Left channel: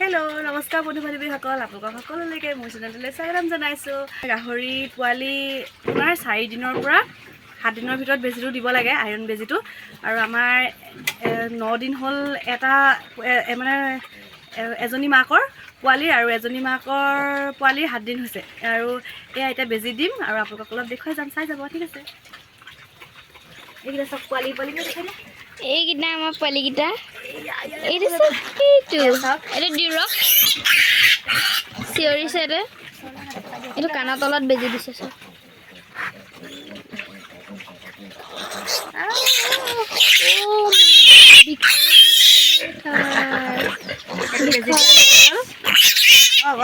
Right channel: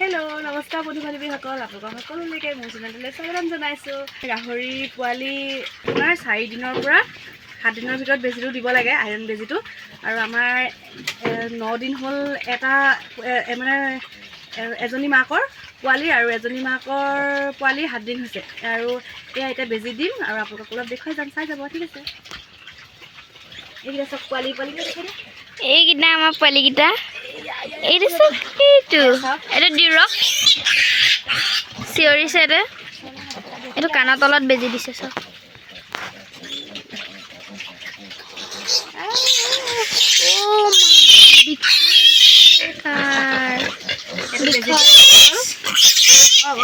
Hello' নমস্কাৰ বন্ধু বান্ধৱীসকল, আপোনালোকক সকলোলৈকে মোৰ চেনেলটোলৈ স্বাগতম জনাইছোঁ। গাহৰি পোৱালি আপোনাৰ 4 দিনৰ পৰা 7 দিনৰ ভিতৰত বেজীটো দিব লাগে, আইৰণ বেজীটো। আৰু আমাৰ 9 দিন হ'ল এটা মানে এজনী মাকৰ পোৱালি আৰু এজনী মাকৰ পোৱালি 7 দিন হৈছে। আৰু এয়া এতিয়া বেজী দিম আৰু আপোনালোকক অলপ দেখুৱাই যাম, চাই যাব। ঠিক আছে, এইকেইটা চব পোৱালি দেখাই দিয়া। এইকেইটা আমাৰ পোৱালিকেইটা এইটো চব এইটো দিৰক চিঞৰিছে। এইটো কাণৰ তলত বেজি দিছে চব।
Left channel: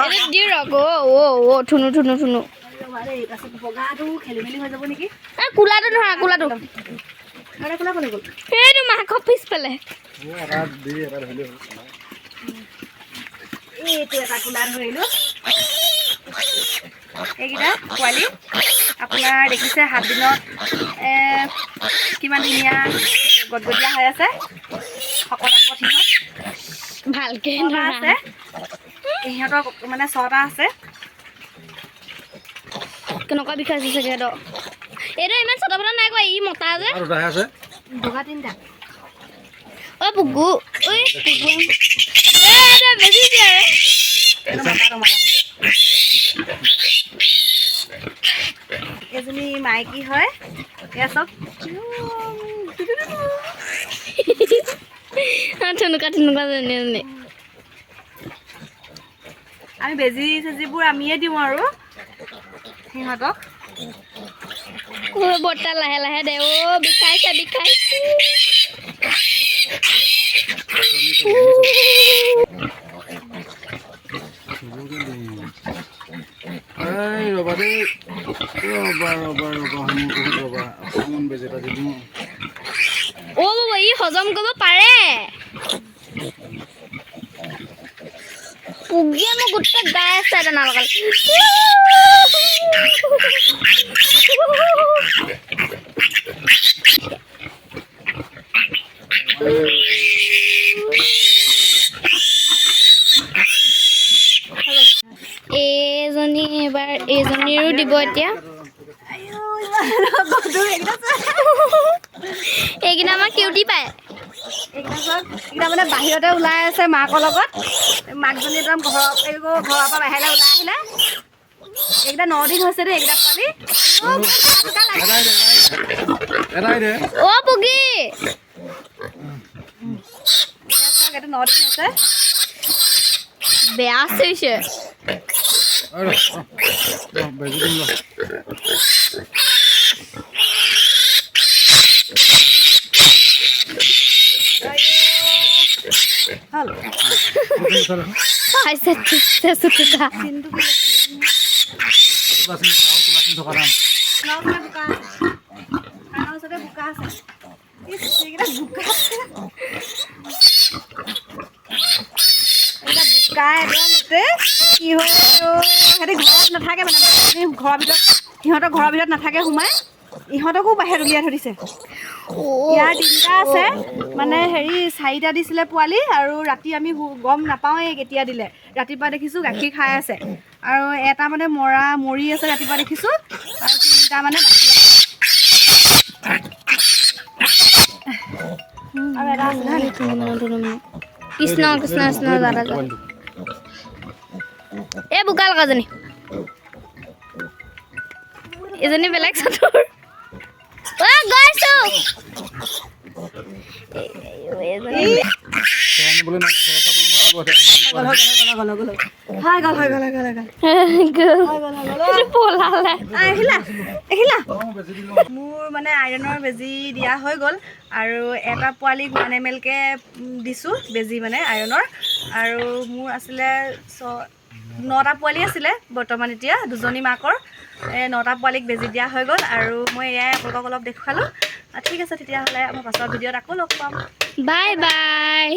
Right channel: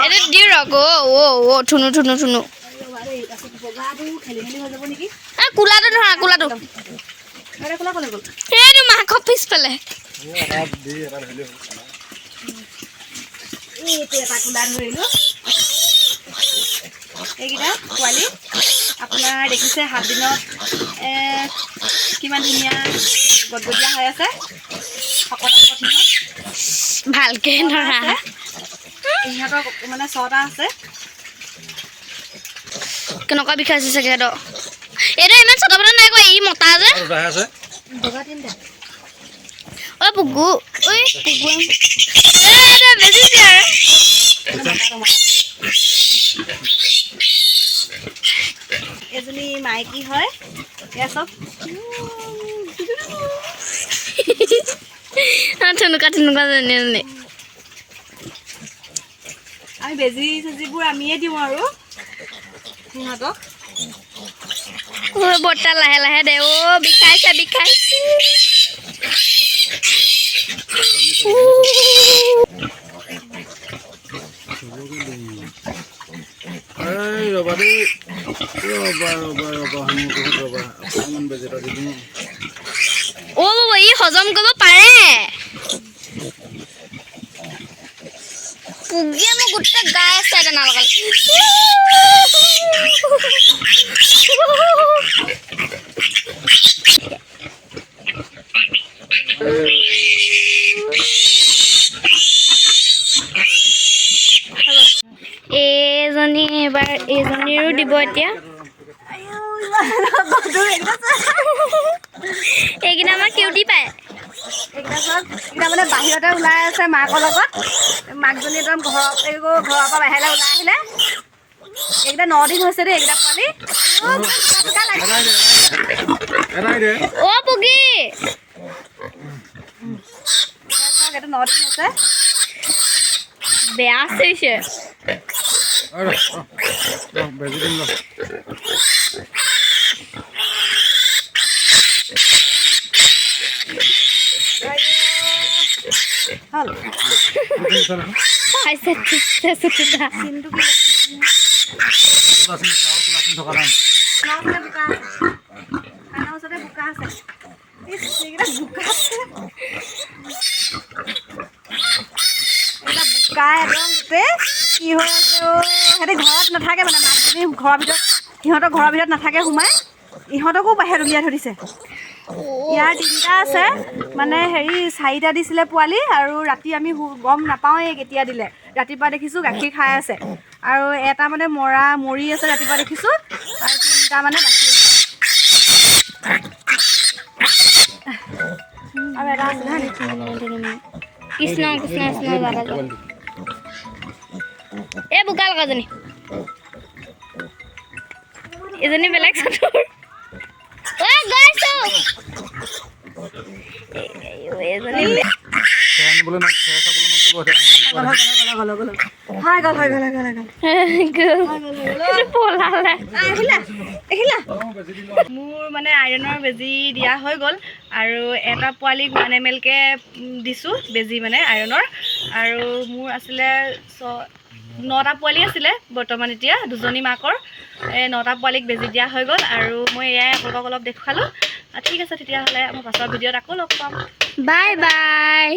এইটো দিৰক থুনু থুনু থুনু। খেলি মেলি হৈ যাব নেকি? কোলাটো ধৰা, কোলাটো সেইটো মাকৰ পিছফালে। এইটো এটা কোলা ধৰিলোঁ। এইকেইটা পোৱালি আপোনাৰ দেখিছে 7 দিনত কিমান ধুনীয়া গদগদীয়া হৈ আছে। শকত সিহঁত ভালকে ধৰা। সিহঁতৰ মানে 6টা আছে। কেনেকুৱা বিষাইছে চাগে সিহঁতৰ। এইটো ইমান চটা বটা নাই কোৱা, ই মতা যে বগা 3টা। অ পুগু, ঐ পুগু বেছি দিয়ে আৰু এজনী মাইকী হয়। এয়া চব থুনুকা থুনুকা যেনে আমি বেজী চেজিবোৰ আমিয়ে দিওঁ আৰু সিহঁতক। বৰ্তা লাহে লাহে দে। বিষাইছে বিষাইছে। বাবা ই হজম কৰিব পাৰে। পুগিয়ে মোক গোটেই গাই আছে দানা লগাই। এইজনীৰো দিব এতিয়া। এইকেইটা আমাৰ কিউটি পায়। এইকেইটা মানে বাহিৰতে ওলাই আছে মাকৰ লগত। মাকজনী একদম ঘৰৰ পৰা বাহিৰলৈ ওলাই আহিলে। এইকেইটা 9 দিন হৈছে দেই। এইকেইটা পোৱালি পুগি এইটো 9 দিন হৈছে। বেয়া হৈছে। হ'ল বোকা আছে। বোকা একদম গোটেই কি হৈ আছে। সিহঁতি ঘৰত নাথাকে মানে মাকজনী সিহঁতৰ ঘৰৰ ভিতৰত নাথাকে, সোমাই ইহঁতকো বাহিৰত উলিয়াই থৈ দিছে। ইয়াৰ 3টা আছে মানে 4টা দিছিলে পোৱালি। আৰু ৰাতি আমি গম নাপাওঁৱেই কেতিয়া দিলে। ৰাতিপুৱা দেখিছোঁ গাখীৰ খাই আছে আৰু এটা মানে মৰি আছে ৰাতিপুৱা দেখিছোঁ। আৰু 3টা মানে বাকী আছে। আৰু এটা আছে কৃষ্ণ কৃষ্ণ কৃষ্ণ দাদা এই বোকা লগাজনী এজনী বেলেগ চতুৰ। মোৰ মানে আইৰণৰ বেজী দিয়া হৈ গ'ল। আৰু এটা পোৱালিক 1 ml কে দিছোঁ বেজী মানে আইৰণৰ। আৰু মোৰ আছিলে 9টা পোৱালি আছিলে বৰ্তমান। এতিয়া 2জনী মাকৰ 9টা পোৱালিক বেজী দিয়া হৈ গ'ল। আৰু মই এয়াই আপোনালোকক অলপ দেখুৱালোঁ। ঠিক আছে তেতিয়াহ'লে মই পাছৰ ভিডিঅ'ত আকৌ লগ পাম। Bye bye.